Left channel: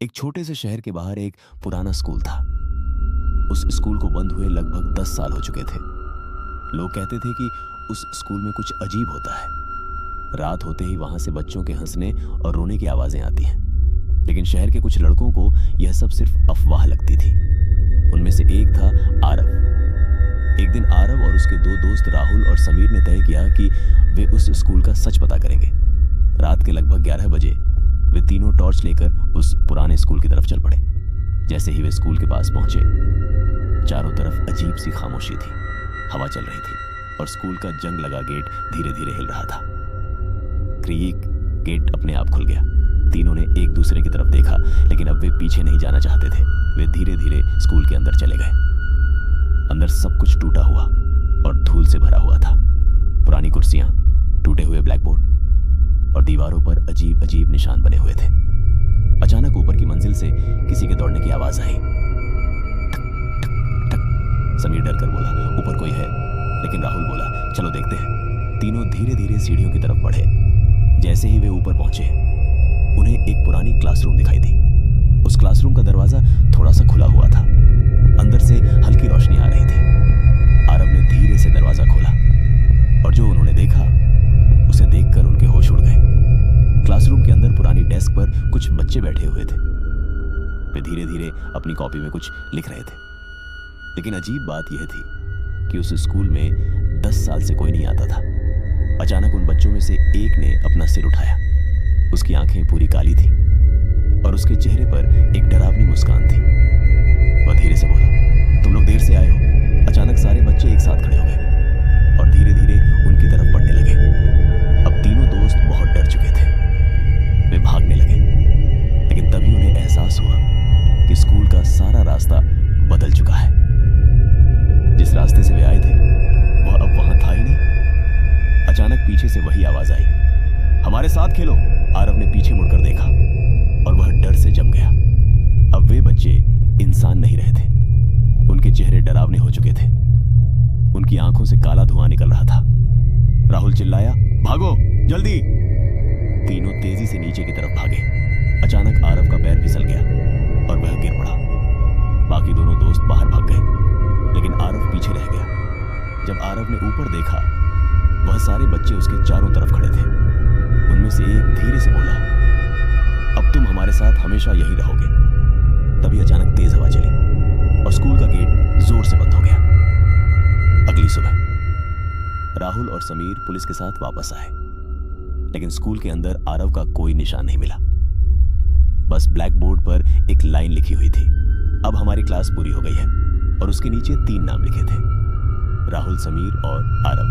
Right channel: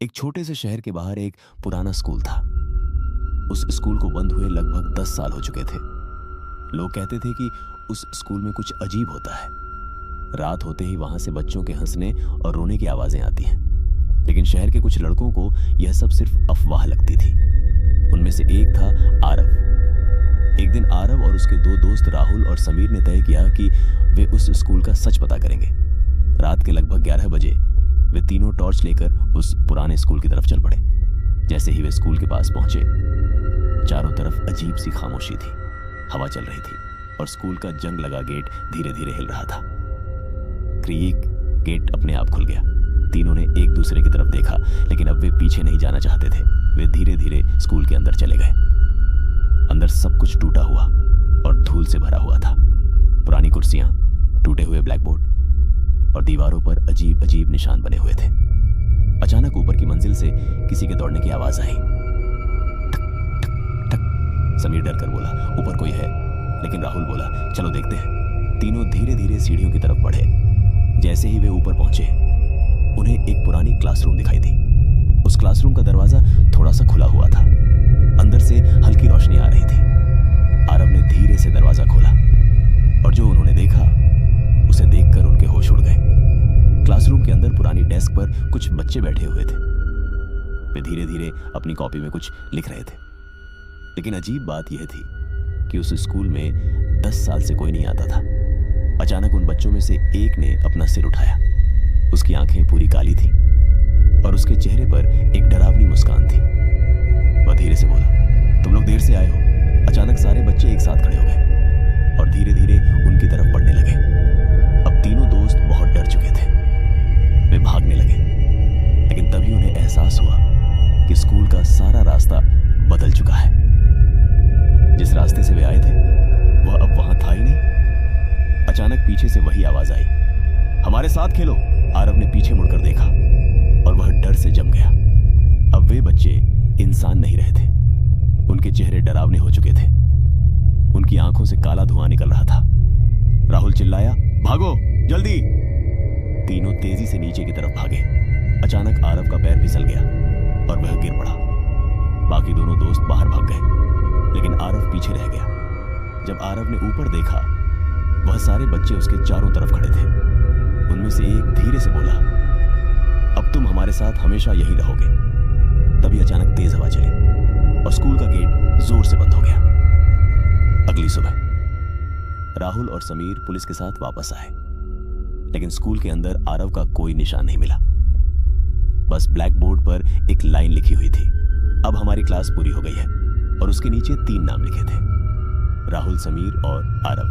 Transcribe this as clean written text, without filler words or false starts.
एक छोटे से शहर के बाहर एक पुराना स्कूल था। उस स्कूल को बंद हुए लगभग 10 साल हो चुके थे। लोग कहते थे कि उस स्कूल में कुछ अजीब होता है। रात होते ही वहां से बच्चों के हंसने और रोने की आवाजें आती हैं। लेकिन शहर के कुछ लड़कों को यह सब सिर्फ अफवाह लगती थी। उनमें से एक था आरव। एक दिन आरव और उसके दो दोस्त राहुल और समीर ने तय किया कि वे उस स्कूल का सच पता करेंगे। रात के लगभग 11 बजे वे तीनों टॉर्च लेकर उस पुराने स्कूल की तरफ चल पड़े। जैसे ही वे स्कूल के पास पहुंचे, चारों तरफ अजीब सी खामोशी थी। हवा चल रही थी और स्कूल का जंग लगा गेट धीरे धीरे हिल रहा था। क्रीक गेट अपने आप खुल गया। तीनों ने एक दूसरे की तरफ देखा, लेकिन अब वे पीछे नहीं जाना चाहते थे। वे धीरे धीरे स्कूल के अंदर चले गए। अंदर सब कुछ टूटा हुआ और धूल से भरा हुआ था। पुरानी कुर्सियां, टूटे हुए ब्लैक बोर्ड और दीवारों पर अजीब अजीब निशान बने हुए थे। अचानक ऊपर की मंजिल से किसी के दौड़ने की आवाज आई। ठक ठक ठक। समीर डर कर बोला, ऊपर कोई है। लेकिन राहुल बोला, चलो देखते हैं। तीनों धीरे धीरे सीढ़ियों की तरफ बढ़े। जैसे ही वे ऊपर पहुंचे, उन्हें एक पुरानी क्लासरूम दिखाई दी। उस क्लासरूम का दरवाजा थोड़ा सा खुला हुआ था। अंदर से हल्की रोशनी आ रही थी। आरव ने धीरे से दरवाजा खोला और जो उन्होंने देखा, उसे देखकर उनके होश उड़ गए। क्लासरूम के अंदर पुरानी डेस्क पर कुछ बच्चे बैठे हुए थे। वे धीरे धीरे अपनी कॉपी में कुछ लिख रहे थे। लेकिन अजीब बात यह थी कि उस स्कूल में 10 साल से कोई नहीं आता था। अचानक उन बच्चों में से एक ने अपना सिर उठाया। उसकी आंखें पूरी काली थी और उसके चेहरे पर एक डरावनी मुस्कान थी। वह धीरे से बोला, तुम लोग देर से आए हो। अचानक सारे बच्चे एक साथ खड़े हो गए और धीरे धीरे उनकी तरफ बढ़ने लगे। अब तीनों दोस्त बहुत डर चुके थे। वे भागने लगे, लेकिन तभी उन्हें एहसास हुआ कि स्कूल का सारा रास्ता बदल चुका है। जिस रास्ते से वे आए थे, वह अब वहां था ही नहीं। अचानक पीछे से वही आवाज आई, हमारे साथ खेलो। आरव ने पीछे मुड़कर देखा और वह डर से जम गया। अब वे बच्चे इंसान नहीं रहे थे। उनके चेहरे डरावने हो चुके थे। उनकी आंखों से काला धुआं निकल रहा था। राहुल चिल्लाया, भागो जल्दी। तीनों तेजी से नीचे की तरफ भागे। अचानक आरव का पैर फिसल गया और वह गिर पड़ा। बाकी दोनों दोस्त बाहर भाग गए, लेकिन आरव पीछे रह गया। जब आरव ने ऊपर देखा, वह सारे बच्चे उसके चारों तरफ खड़े थे। उनमें से एक धीरे से बोला, अब तुम हमारे साथ हमेशा यहीं रहोगे। तभी अचानक तेज हवा चली और स्कूल का गेट जोर से बंद हो गया। अगली सुबह राहुल और समीर पुलिस के साथ वापस आए, लेकिन स्कूल के अंदर आरव का कोई निशान नहीं मिला। बस ब्लैक बोर्ड पर एक लाइन लिखी हुई थी, अब हमारी क्लास पूरी हो गई है, और उसके नीचे 3 नाम लिखे थे, राहुल, समीर और आरव।